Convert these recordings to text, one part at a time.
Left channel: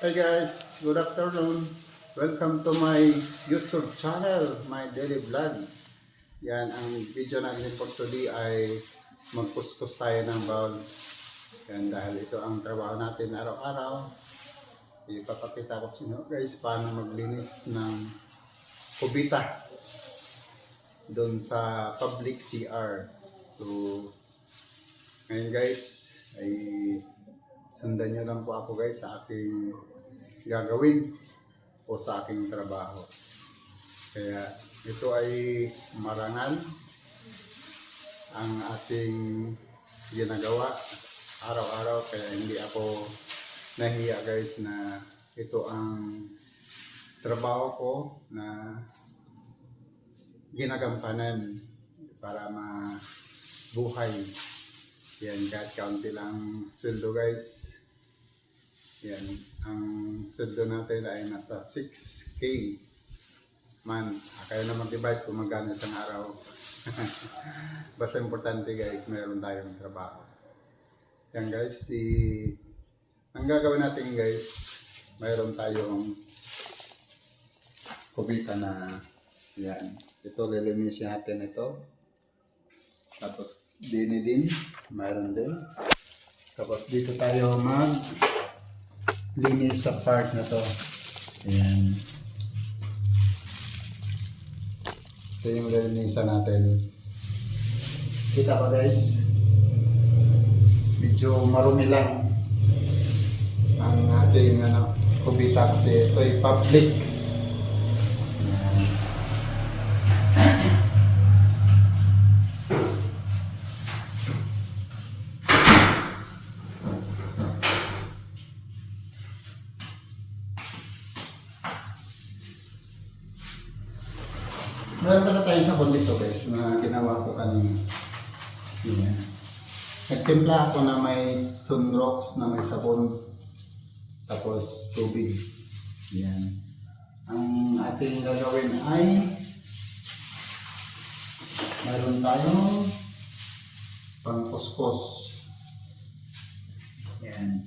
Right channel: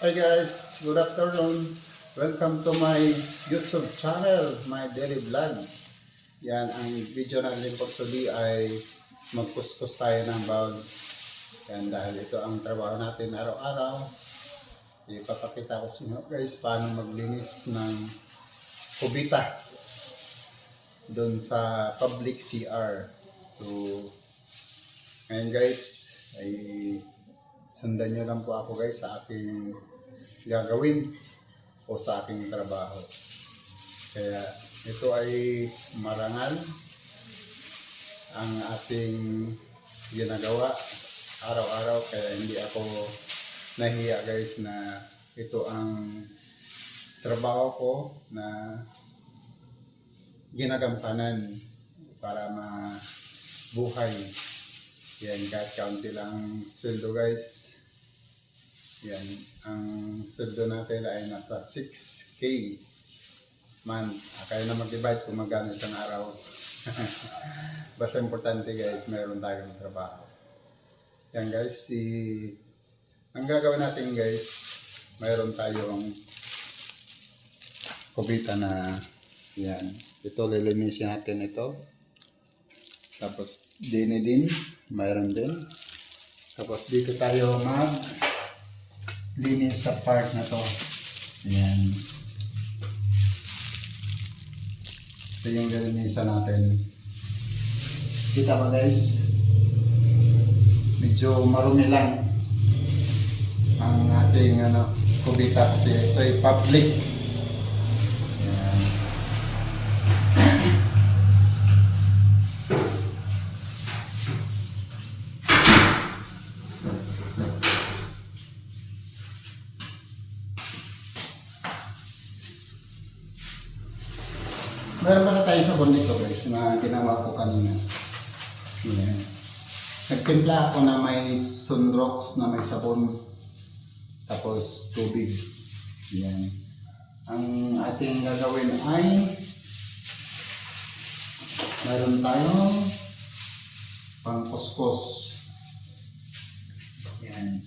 Hi guys, good afternoon. Welcome to my YouTube channel, my daily vlog. Yan, ang video natin for today ay magkuskus tayo ng bowl. Yan, dahil ito ang trabaho natin araw-araw. Ipapakita ko sa inyo guys paano maglinis ng kubita doon sa public CR. So, ngayon guys, ay sundan nyo lang po ako guys sa aking gagawin o sa aking trabaho. Kaya ito ay marangal ang ating ginagawa araw-araw, kaya hindi ako nahiya guys na ito ang trabaho ko na ginagampanan para mabuhay. Yan, kahit kaunti lang sweldo guys. Yan, ang sweldo natin ay nasa 6K month. Kaya na mag-divide kung magkano isang araw. Basta importante guys, meron tayong trabaho. Yan guys, ang gagawin natin guys, mayroon tayong kubita na yan. Ito, lilinisin natin ito. Tapos din, mayroon din. Tapos dito tayo linis sa part na to. Ayan. Ito yung lilinisan natin. Kita ba guys? Medyo marumi lang ang ating kubita kasi ito ay public. Ayan. Meron pala tayo sabon dito guys na ginawa ko kanina. Yan. Nagtimpla ako na may sunrox na may sabon. Tapos tubig. Yan. Ang ating gagawin ay meron tayong pangkuskus. Yan.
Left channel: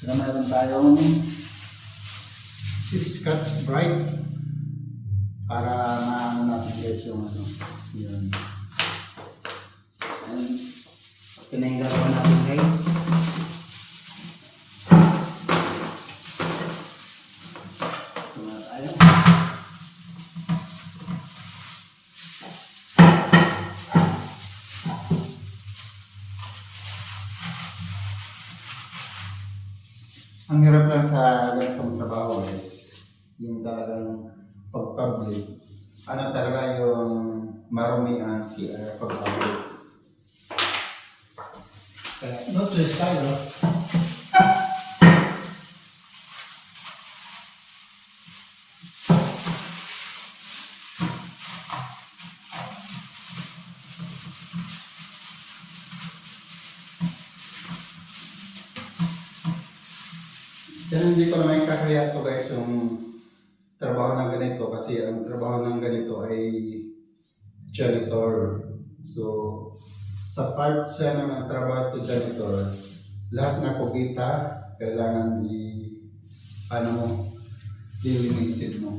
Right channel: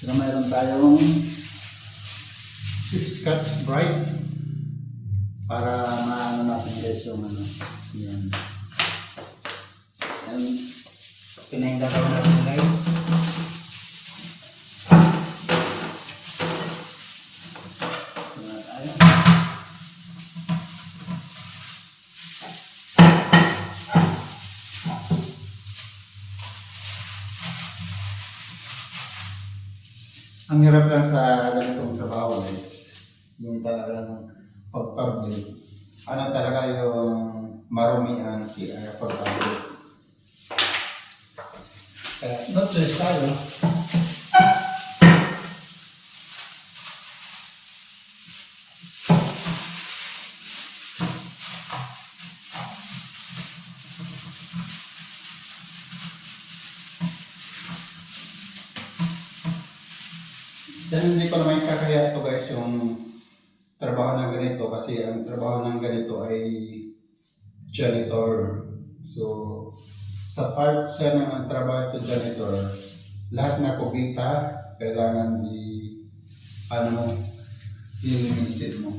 Saka meron tayong Scotch Brite. Para maano natin guys yung yun. And pinahingagawa natin guys. Ang hirap lang sa ganitong trabaho guys, yung talagang pag-public. Ano talaga yung marumi ang CR pag-public. Kaya no choice tayo. Dahil hindi ko naman kakaya ito guys yung trabaho ng ganito, kasi ang trabaho ng ganito ay janitor. So, sa part siya ng trabaho ito janitor, lahat na kubita kailangan lilinisin mo.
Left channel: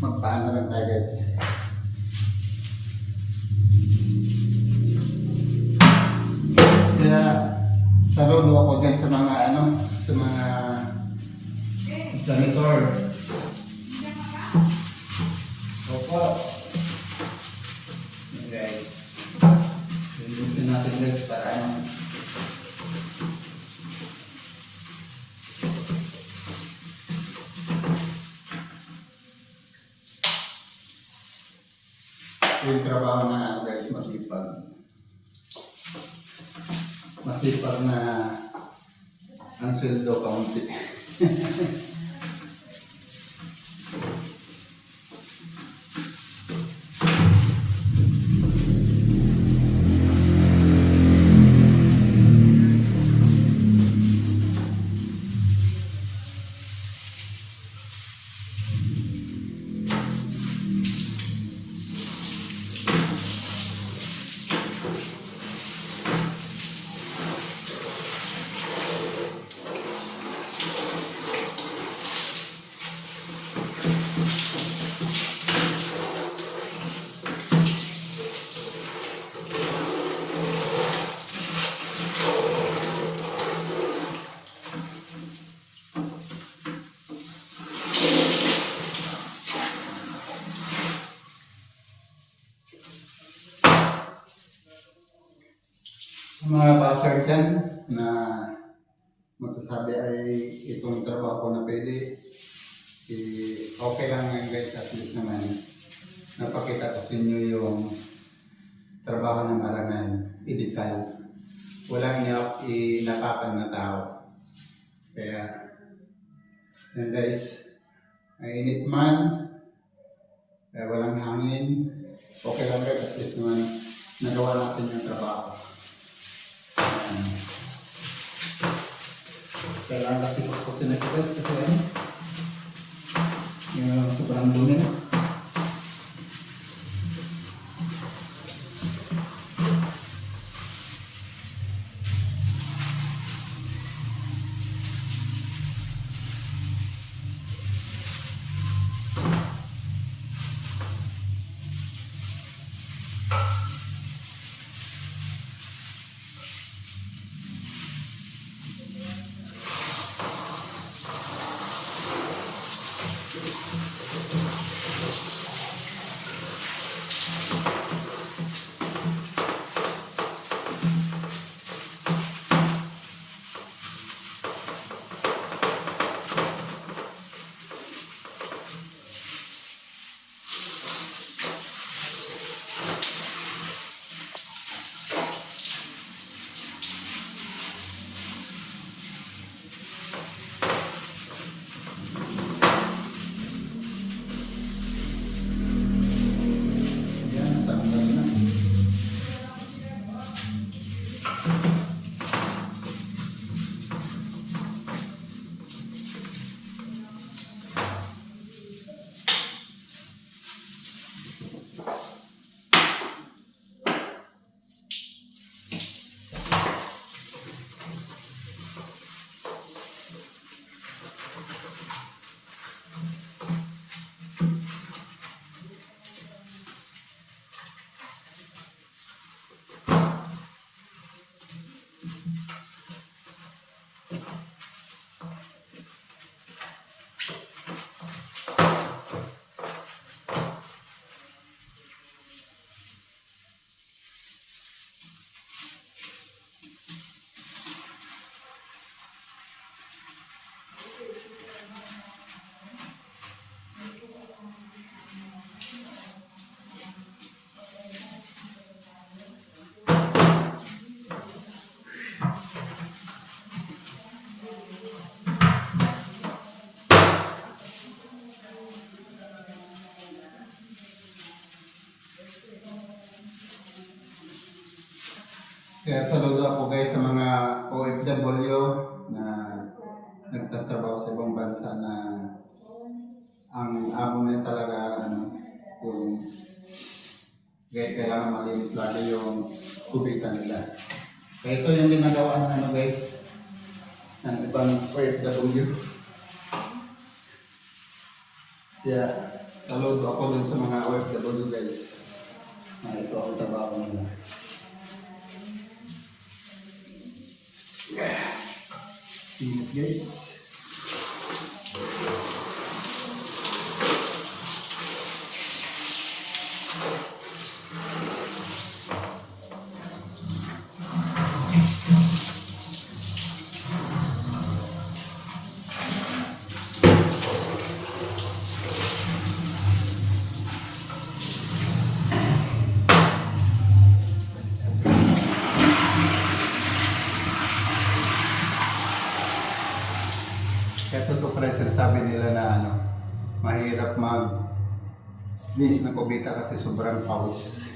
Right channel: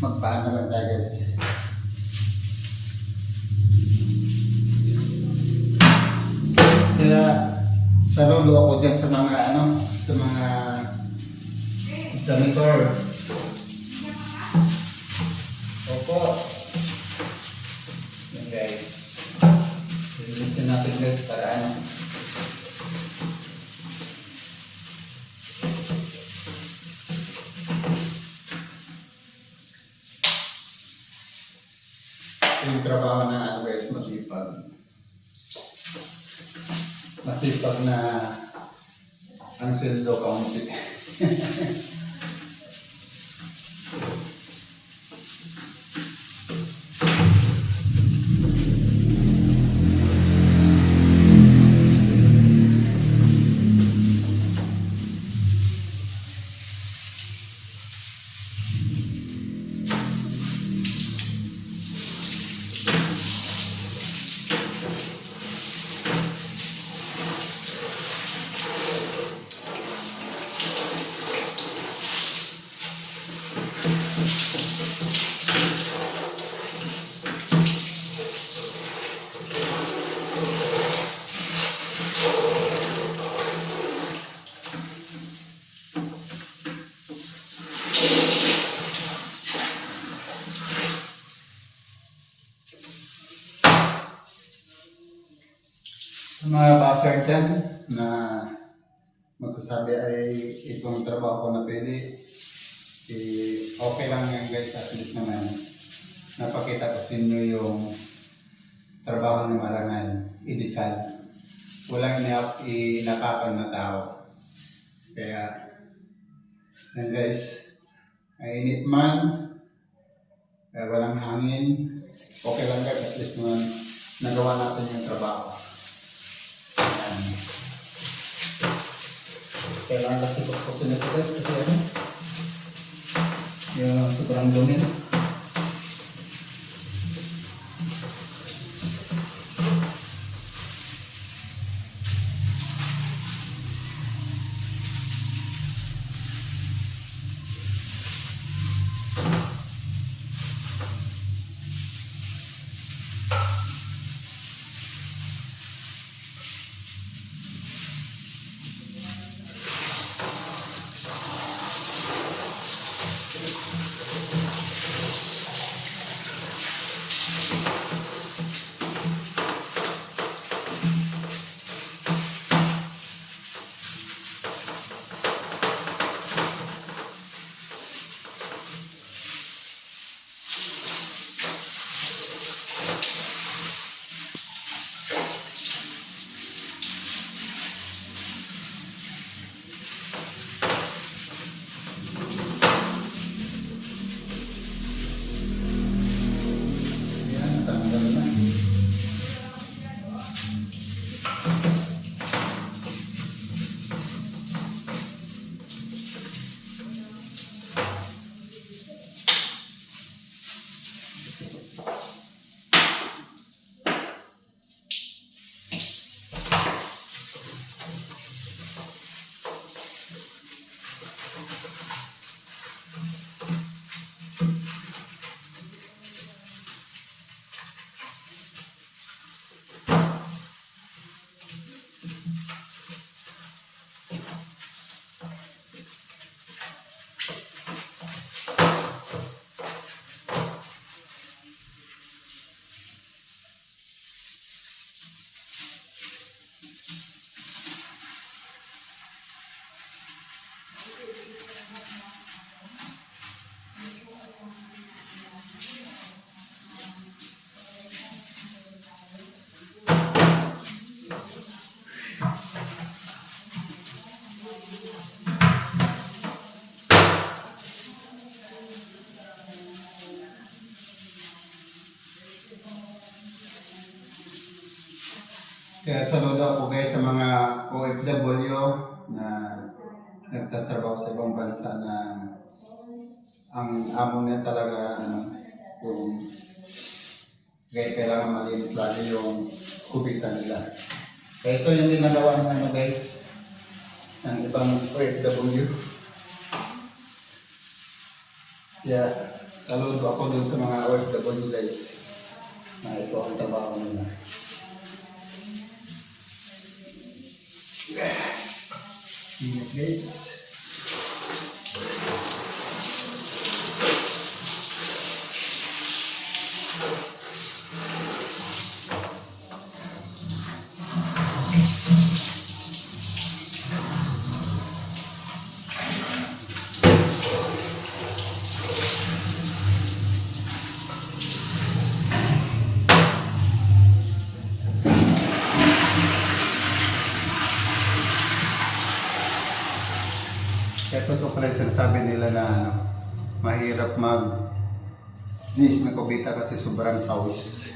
Magpaano lang tayo guys. Kaya saludo ako dyan sa mga sa mga janitor. Opo. Yan guys. Lilisin natin guys para yung trabaho ng ano guys, masipag. Masipag na ang sweldo kaunti. Sa mga basar dyan na magsasabi ay itong trabaho ko na pwede, okay lang yan guys, at least naman napakita ko sa inyo yung trabaho ng marangal, edikal. Walang inapakan na tao. Kaya, yan guys, ay init man, walang hangin, okay lang guys, at least naman nagawa natin yung trabaho. Kailangan kasi kuskusin ito guys kasi ano, yung sobrang dumi. Kaya saludo ako guys sa mga OFW na nagtatrabaho sa ibang bansa na ang amo niya talaga yung kailangan malinis lagi yung kubitan nila. Kaya ito yung ginagawa ng guys ng ibang OFW. Kaya saludo ako dun sa mga OFW guys na ito ang trabaho nila. Ingat guys. Kaya totoo pala yung sinasabi nila na ano, mahirap linis ng kubita kasi sobrang pawis.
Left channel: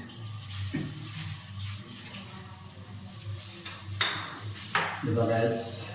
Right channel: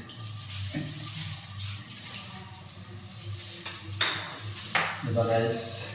Diba guys?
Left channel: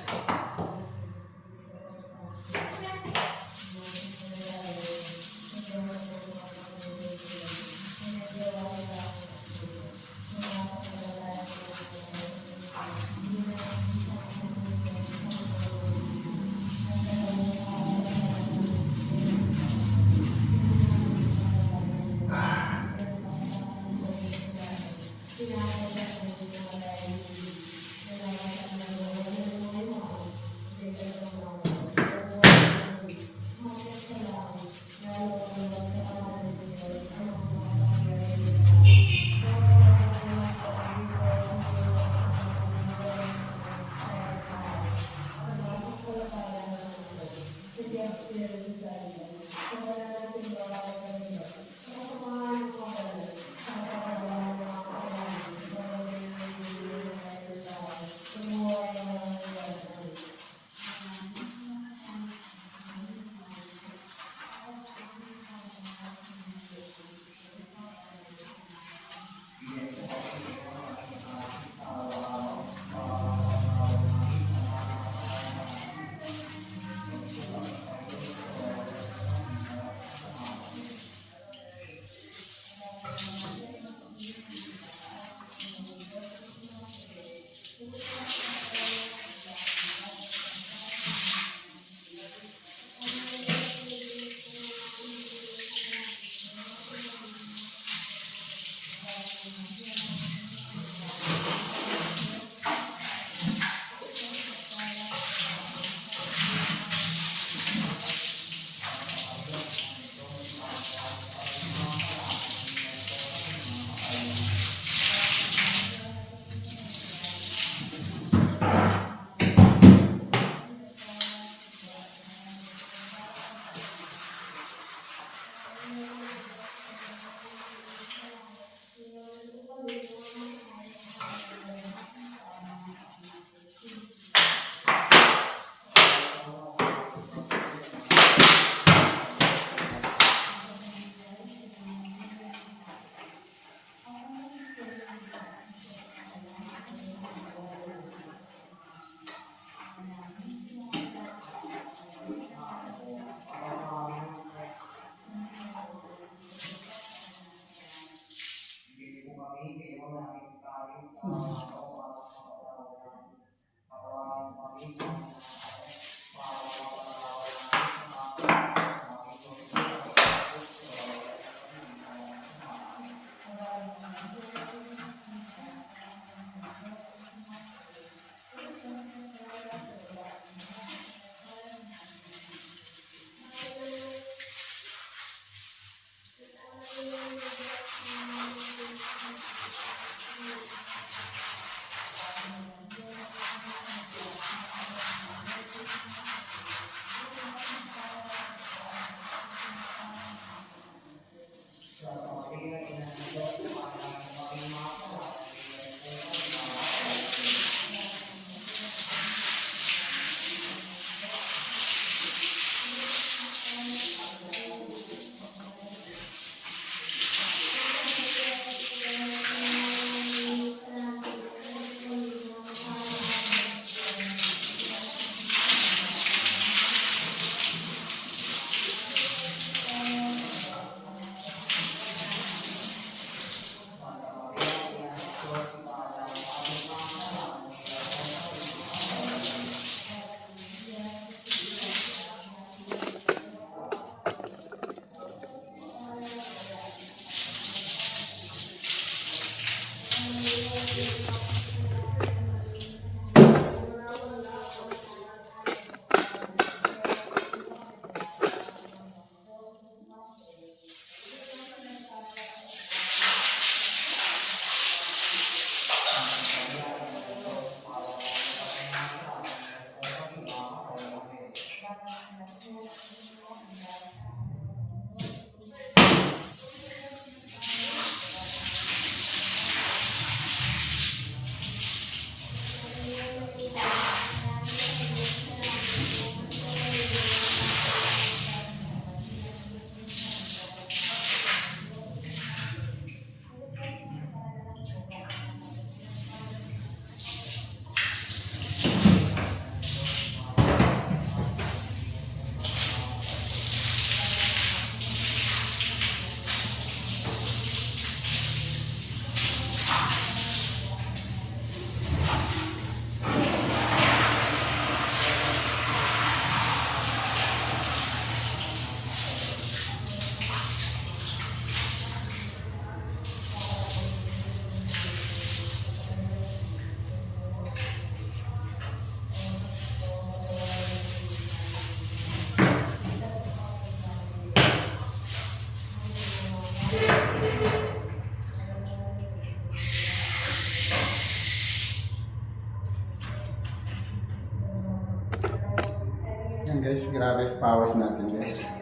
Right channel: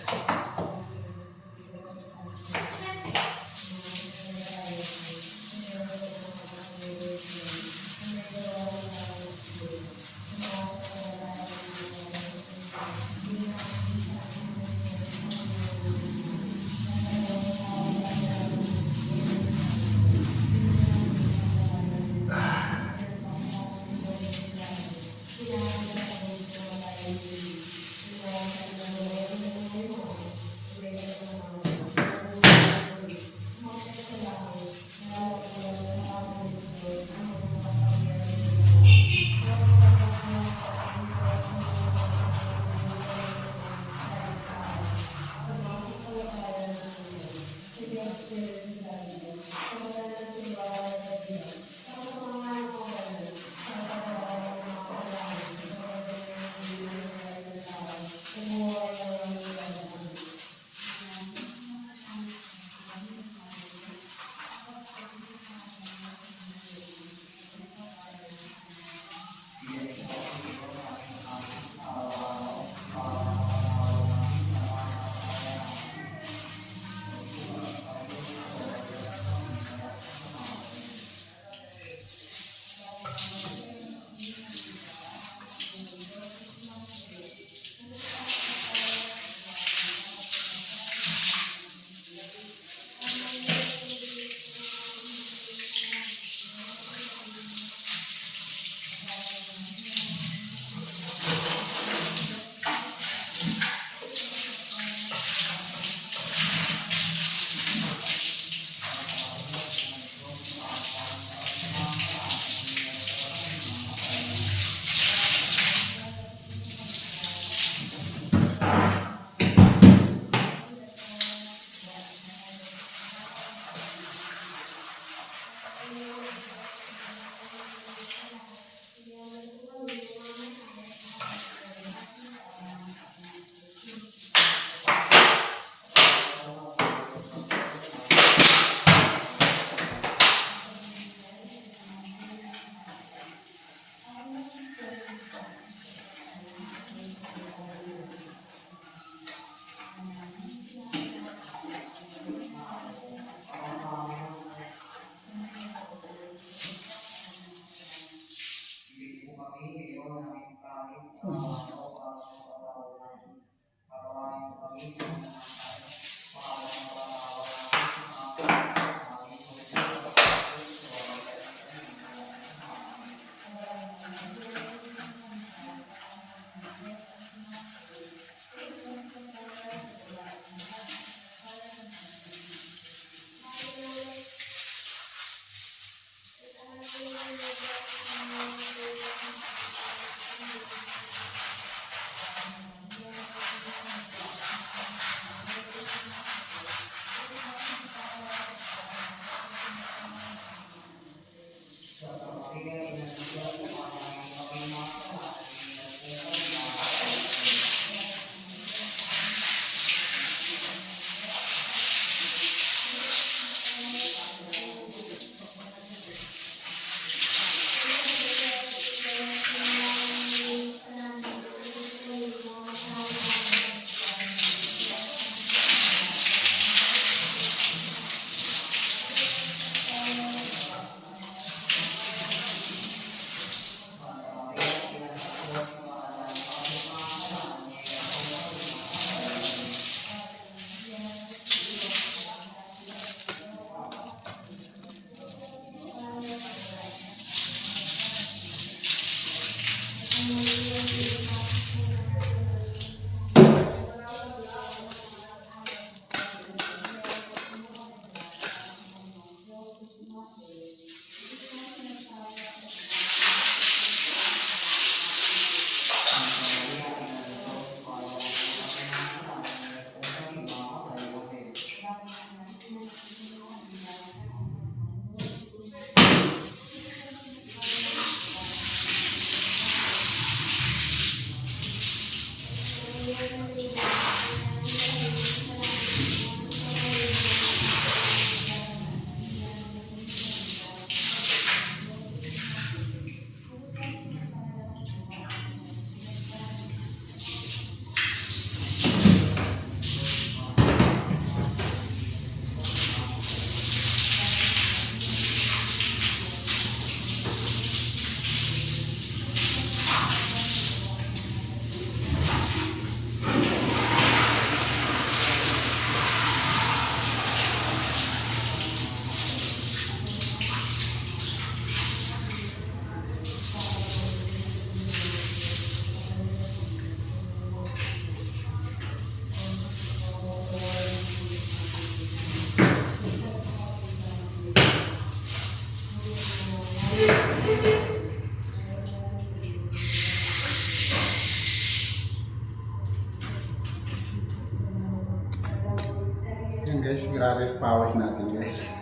Yan guys, grabe powers natin guys.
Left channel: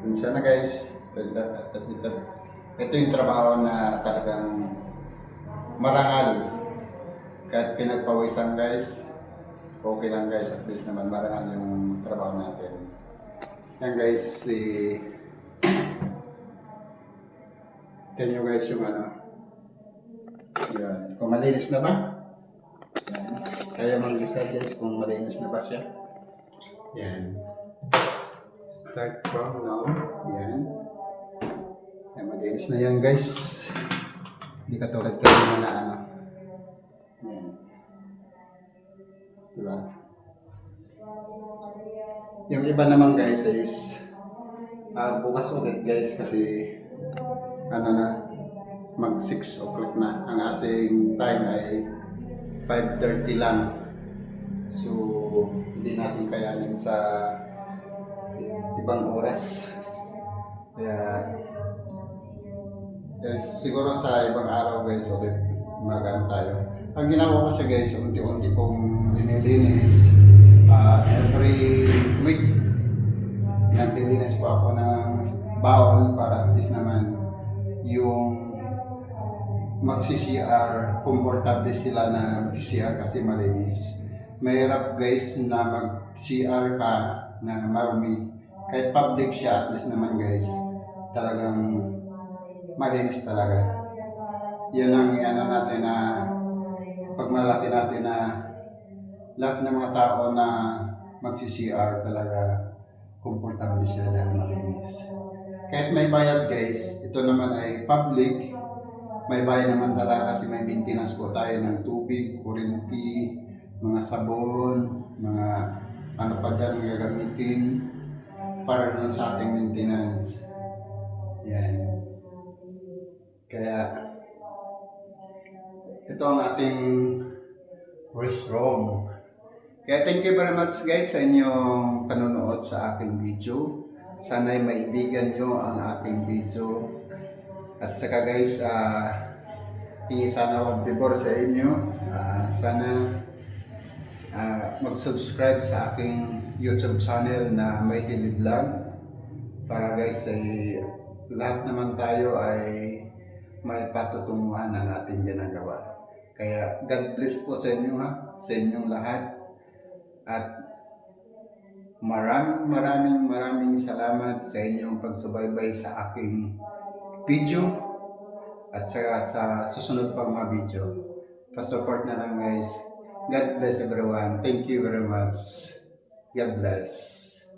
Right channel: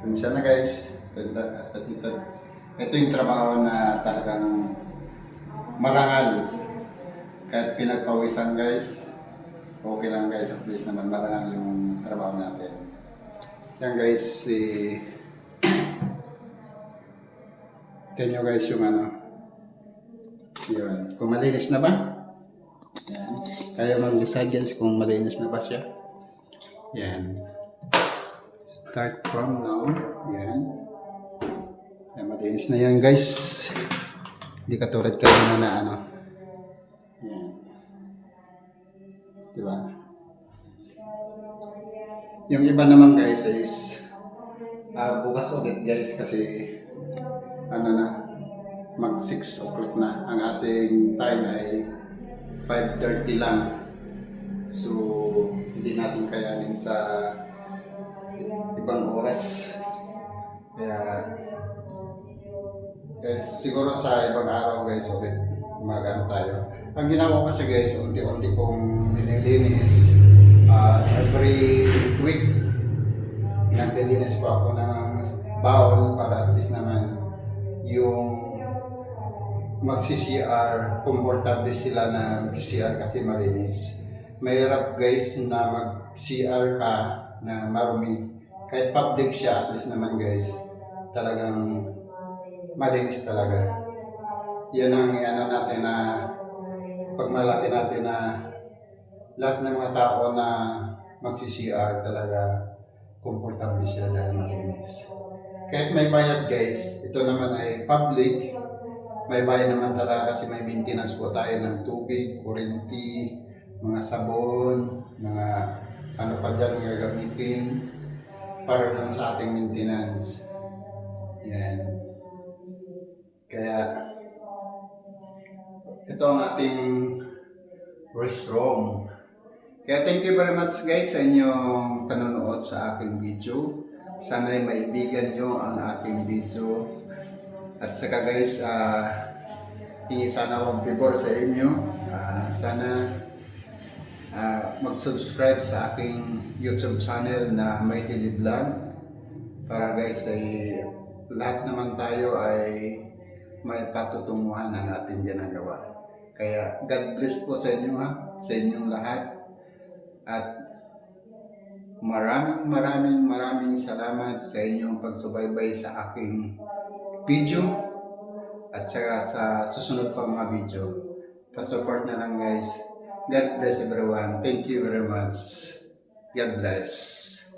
Tensya na guys. Ito yung trabaho na talagang marangal. Kahit pinagpawisan guys, okay lang guys, at least naman marangal yung trabaho natin. Yan guys, tingnan nyo guys yung ano. Yun. Kung malinis na ba? Yan. Kaya mag-decide guys kung malinis na ba siya. Yan. Start from now. Yan. Yan, malinis na yan guys. Hindi katulad kanina na ano. Yan. Diba? Yung iba naman guys is bukas ulit guys kasi ano na, mag 6 o'clock na. Ang ating time ay 5:30 lang. So, hindi natin kayanin sa ibang oras. Kaya, siguro sa ibang araw guys, ulit magaan tayo. Ang ginawa ko kasi guys, unti-unti kong nililinis. Every week, naglilinis po ako ng bowl para at least naman yung magsi-CR, komportable sila na mag-CR kasi malinis. Mahirap guys na mag-CR ka na marumi. Kahit public siya, at least naman guys, talagang malinis talaga. Yan ang ano natin na pagmalaki natin na lahat ng mga tao na magsi-CR talaga komportable sila dahil malinis. Kahit may bayad guys, ito naman ay public. May bayad naman talaga kasi may maintenance po tayo ng tubig, kuryente, mga sabon, mga ano pa dyan gagamitin para lang sa ating maintenance. Yan. Kaya ito ang ating restroom. Kaya thank you very much guys sa inyong panonood sa aking video. Sana'y maibigan nyo ang aking video. At saka guys, hingi sana ako favor sa inyo. Sana mag-subscribe sa aking YouTube channel na May Daily Vlog. Para guys, ay lahat naman tayo ay may patutunguhan ng ating ginagawa. Kaya God bless po sa inyo sa inyong lahat. At maraming salamat sa inyong pagsubaybay sa aking video at saka sa susunod pang mga video. Pa-support na lang guys. God bless everyone. Thank you very much. God bless.